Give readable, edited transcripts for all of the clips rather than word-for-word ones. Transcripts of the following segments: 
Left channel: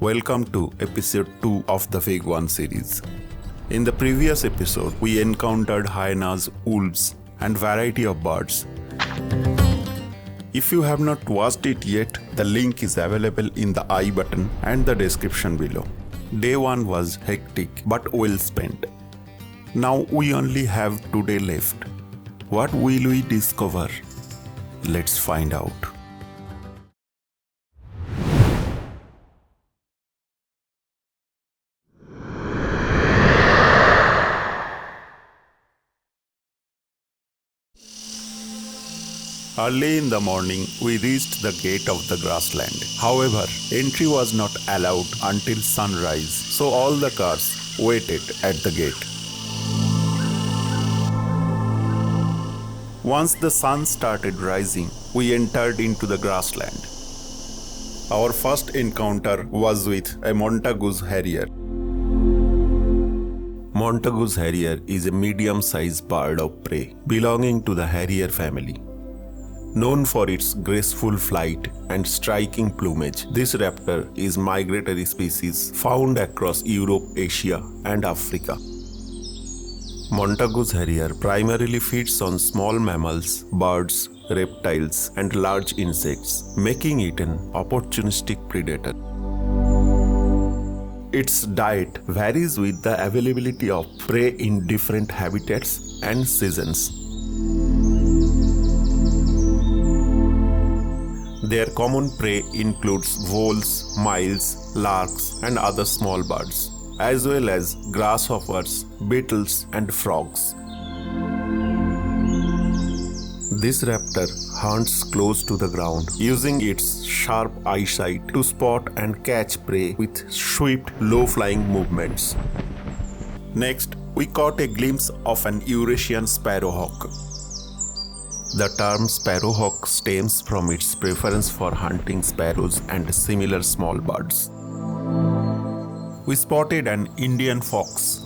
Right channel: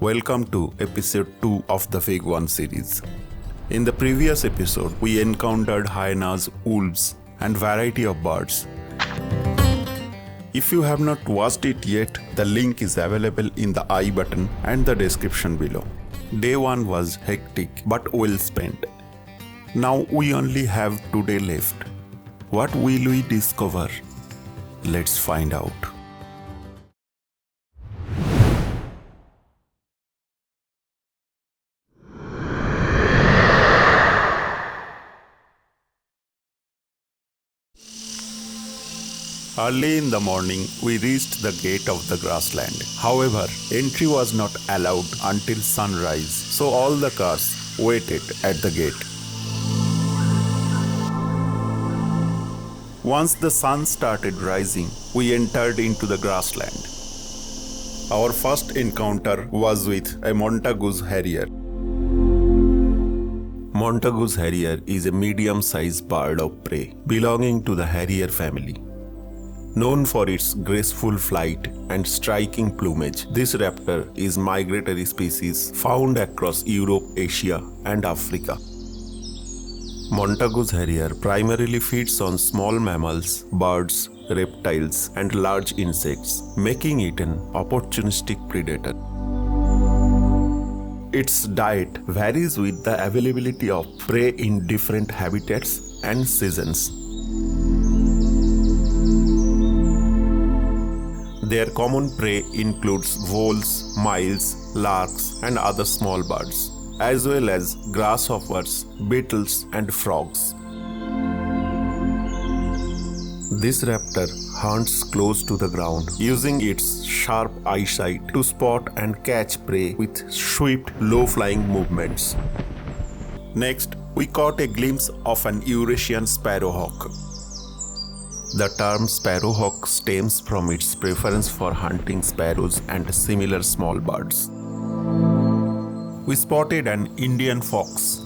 Welcome to episode 2 of the Bhigwan series. In the previous episode, we encountered hyenas, wolves, and variety of birds. If you have not watched it yet, the link is available in the I button and the description below. Day 1 was hectic but well spent. Now we only have today left. What will we discover? Let's find out. Early in the morning, we reached the gate of the grassland. However, entry was not allowed until sunrise, so all the cars waited at the gate. Once the sun started rising, we entered into the grassland. Our first encounter was with a Montagu's Harrier. Montagu's Harrier is a medium-sized bird of prey belonging to the Harrier family. Known for its graceful flight and striking plumage, this raptor is a migratory species found across Europe, Asia, and Africa. Montagu's Harrier primarily feeds on small mammals, birds, reptiles, and large insects, making it an opportunistic predator. Its diet varies with the availability of prey in different habitats and seasons. Their common prey includes voles, mice, larks, and other small birds, as well as grasshoppers, beetles, and frogs. This raptor hunts close to the ground, using its sharp eyesight to spot and catch prey with swift, low-flying movements. Next, we caught a glimpse of an Eurasian Sparrowhawk. The term sparrowhawk stems from its preference for hunting sparrows and similar small birds. We spotted an Indian fox.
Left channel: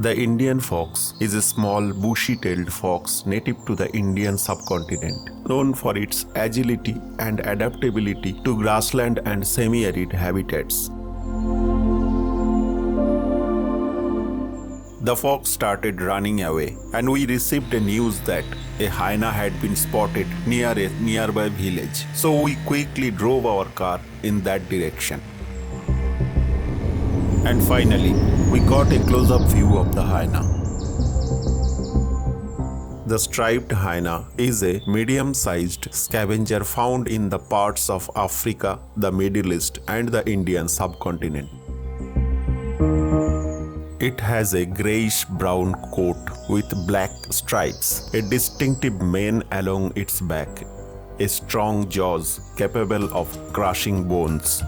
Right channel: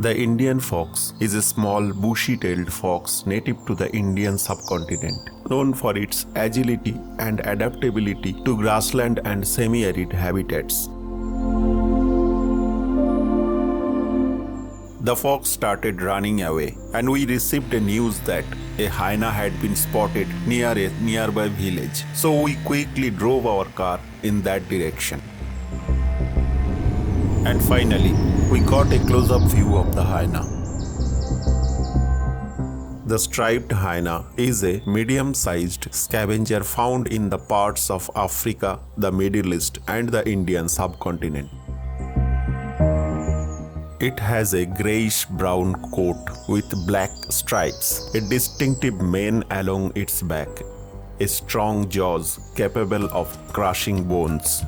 The Indian fox is a small bushy-tailed fox native to the Indian subcontinent, known for its agility and adaptability to grassland and semi-arid habitats. The fox started running away, and we received the news that a hyena had been spotted near a nearby village. So we quickly drove our car in that direction. And finally, we got a close-up view of the hyena. The striped hyena is a medium-sized scavenger found in the parts of Africa, the Middle East, and the Indian subcontinent. It has a grayish-brown coat with black stripes, a distinctive mane along its back, a strong jaws capable of crushing bones.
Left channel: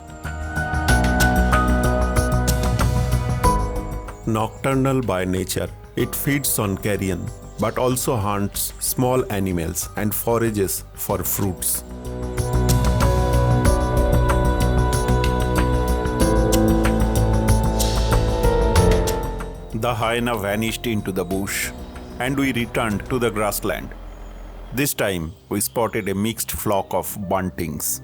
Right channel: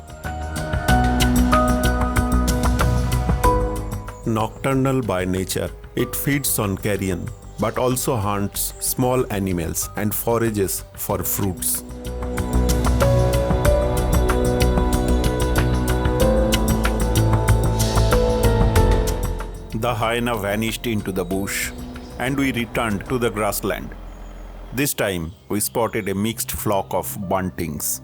Nocturnal by nature, it feeds on carrion, but also hunts small animals and forages for fruits. The hyena vanished into the bush, and we returned to the grassland. This time, we spotted a mixed flock of buntings.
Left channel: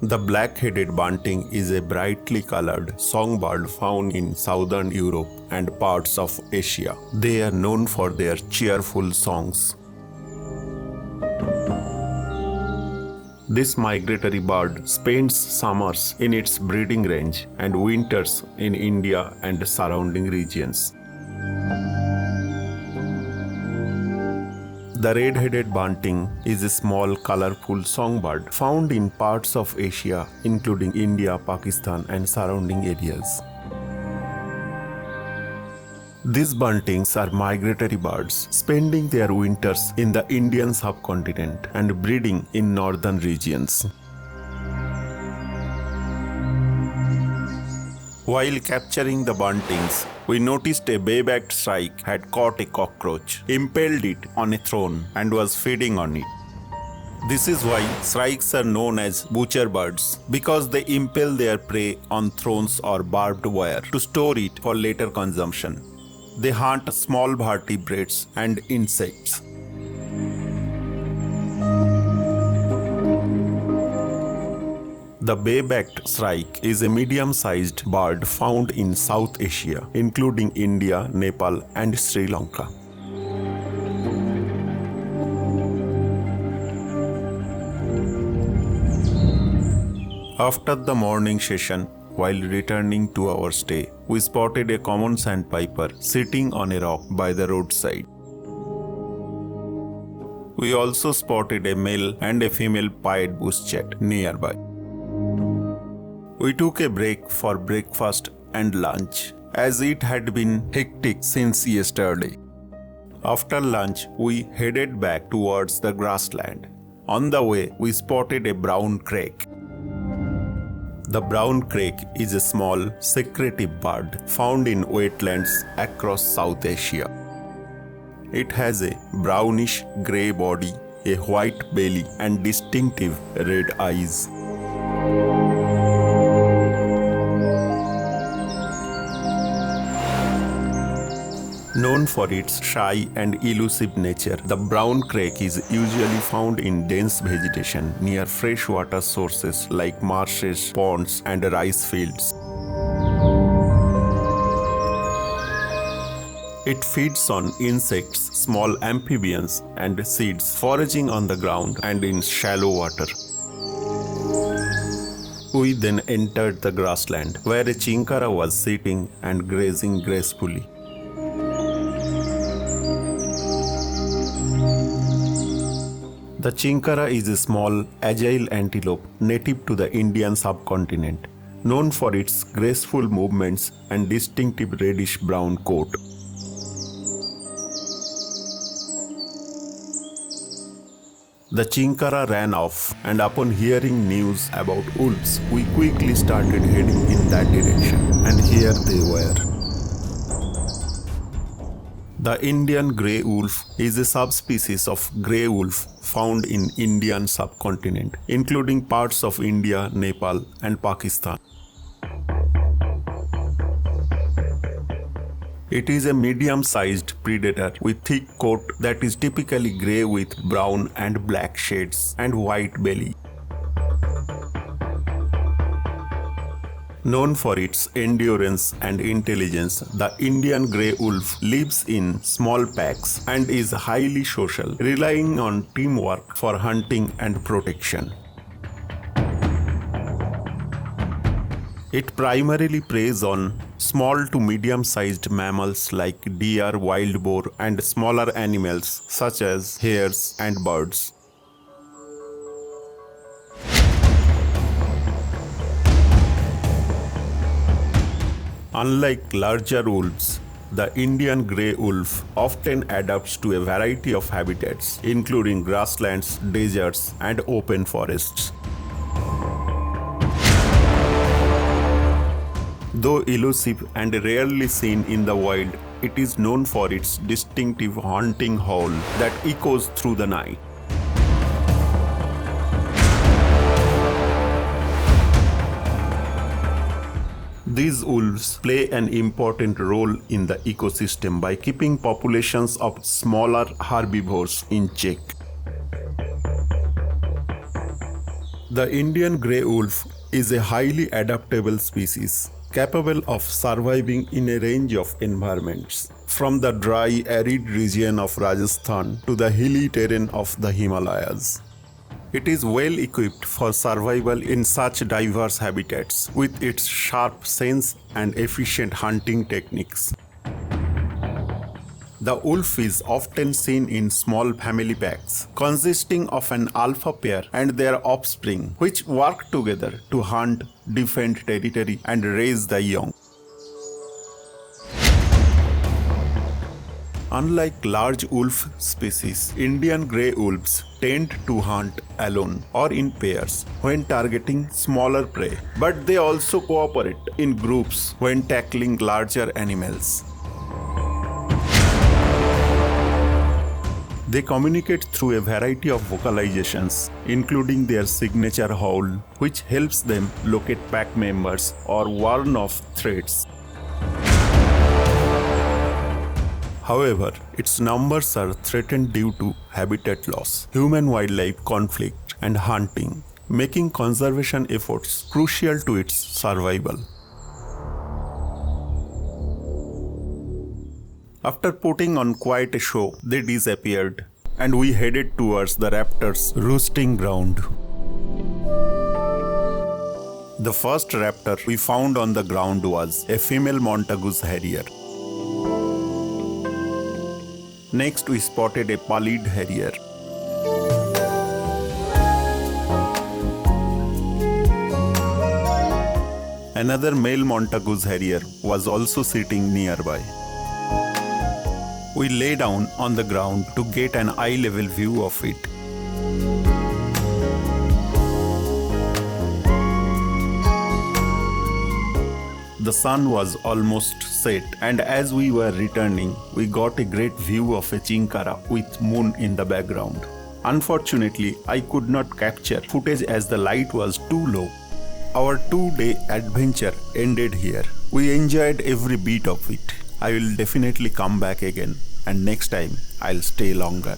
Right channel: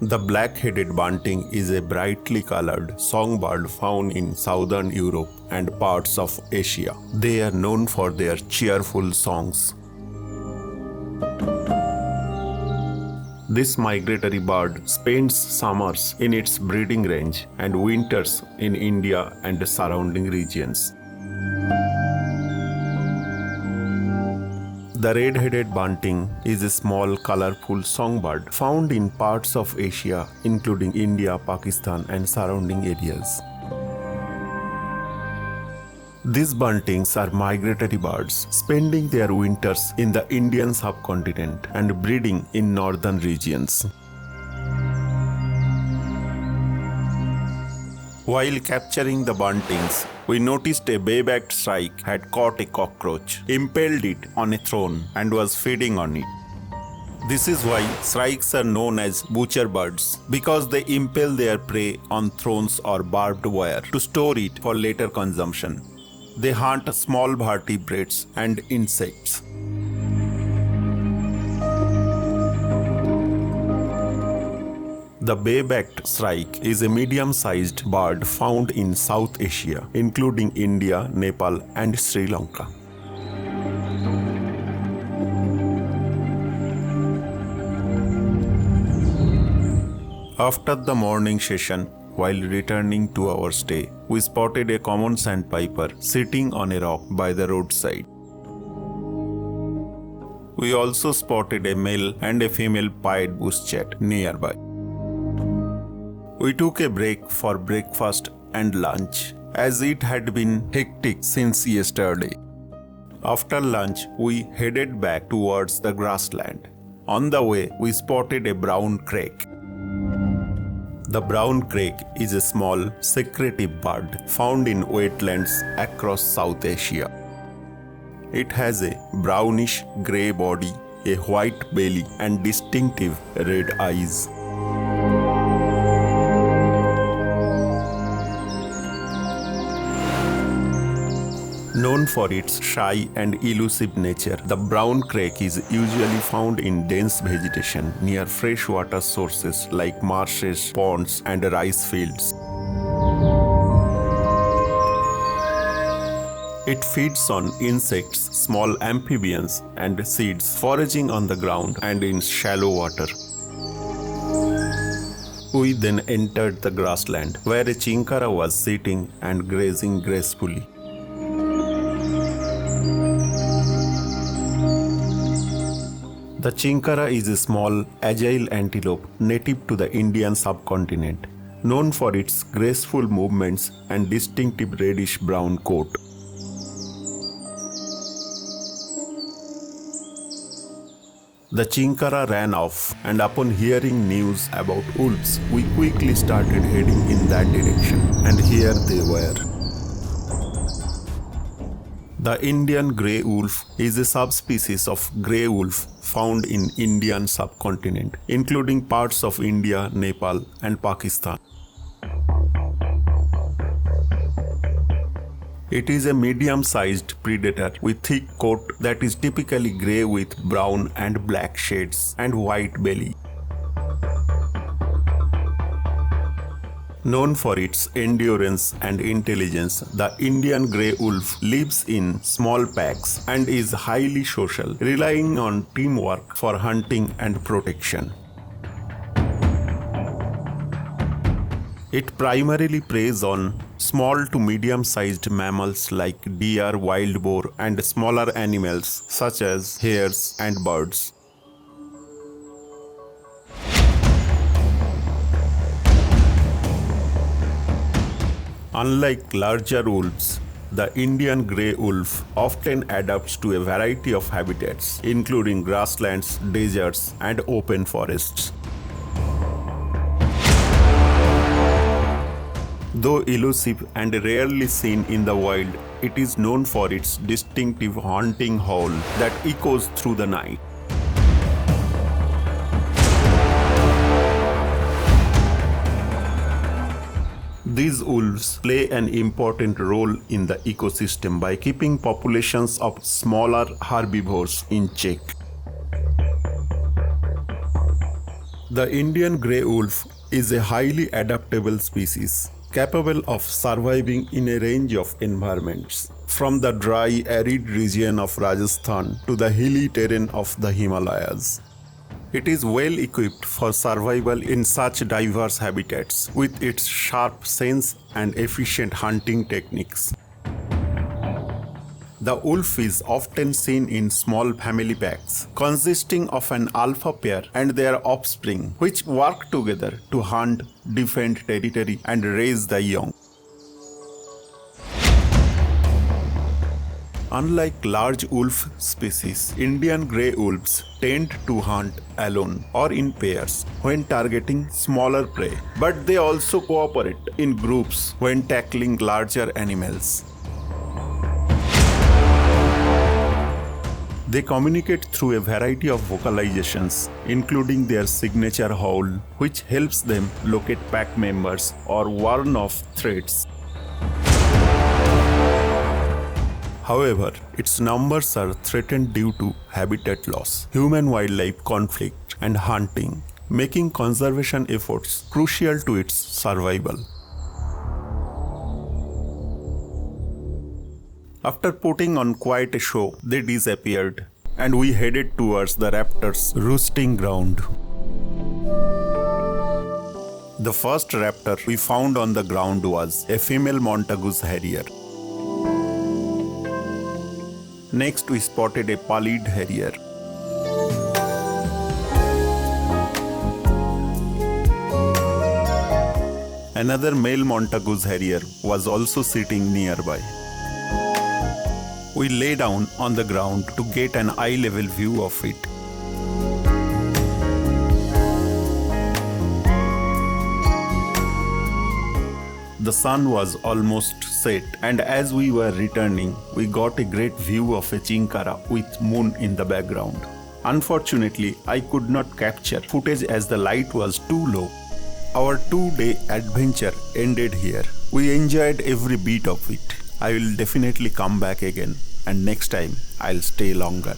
The black-headed bunting is a brightly colored songbird found in southern Europe and parts of Asia. They are known for their cheerful songs. This migratory bird spends summers in its breeding range and winters in India and the surrounding regions. The red-headed bunting is a small, colorful songbird found in parts of Asia, including India, Pakistan, and surrounding areas. These buntings are migratory birds, spending their winters in the Indian subcontinent and breeding in northern regions. While capturing the buntings, we noticed a bay-backed shrike had caught a cockroach, impaled it on a thorn, and was feeding on it. This is why shrikes are known as butcher birds, because they impale their prey on thorns or barbed wire to store it for later consumption. They hunt small vertebrates and insects. The bay-backed shrike is a medium-sized bird found in South Asia, including India, Nepal, and Sri Lanka. After the morning session, while returning to our stay, we spotted a common sandpiper sitting on a rock by the roadside. We also spotted a male and a female pied bushchat nearby. We took a break for breakfast and lunch, as it had been hectic since yesterday. After lunch, we headed back towards the grassland. On the way, we spotted a brown crake. The brown crake is a small, secretive bird found in wetlands across South Asia. It has a brownish grey body, a white belly, and distinctive red eyes. Known for its shy and elusive nature, the brown crake is usually found in dense vegetation near freshwater sources like marshes, ponds, and rice fields. It feeds on insects, small amphibians, and seeds, foraging on the ground and in shallow water. We then entered the grassland, where a chinkara was sitting and grazing gracefully. The chinkara is a small, agile antelope native to the Indian subcontinent, known for its graceful movements and distinctive reddish-brown coat. The chinkara ran off, and upon hearing news about wolves, we quickly started heading in that direction, and here they were. The Indian grey wolf is a subspecies of grey wolf found in Indian subcontinent, including parts of India, Nepal, and Pakistan. It is a medium-sized predator with thick coat that is typically grey with brown and black shades and white belly. Known for its endurance and intelligence, the Indian grey wolf lives in small packs and is highly social, relying on teamwork for hunting and protection. It primarily preys on small to medium-sized mammals like deer, wild boar, and smaller animals such as hares and birds. Unlike larger wolves, the Indian grey wolf often adapts to a variety of habitats, including grasslands, deserts, and open forests. Though elusive and rarely seen in the wild, it is known for its distinctive haunting howl that echoes through the night. These wolves play an important role in the ecosystem by keeping populations of smaller herbivores in check. The Indian grey wolf is a highly adaptable species, capable of surviving in a range of environments, from the dry, arid region of Rajasthan to the hilly terrain of the Himalayas. It is well equipped for survival in such diverse habitats with its sharp sense and efficient hunting techniques. The wolf is often seen in small family packs consisting of an alpha pair and their offspring, which work together to hunt, defend territory, and raise the young. Unlike large wolf species, Indian grey wolves tend to hunt alone or in pairs when targeting smaller prey, but they also cooperate in groups when tackling larger animals. They communicate through a variety of vocalizations, including their signature howl, which helps them locate pack members or warn off threats. However, its numbers are threatened due to habitat loss, human-wildlife conflict, and hunting, making conservation efforts crucial to its survival. After putting on quite a show, they disappeared, and we headed towards the raptor's roosting ground. The first raptor we found on the ground was a female Montagu's Harrier. Next, we spotted a pallid Harrier. Another male Montagu's Harrier was also sitting nearby. We lay down on the ground to get an eye-level view of it. The sun was almost set, and as we were returning, we got a great view of a Chinkara with moon in the background. Unfortunately, I could not capture footage as the light was too low. Our 2-day adventure ended here. We enjoyed every bit of it. I will definitely come back again, and next time I'll stay longer.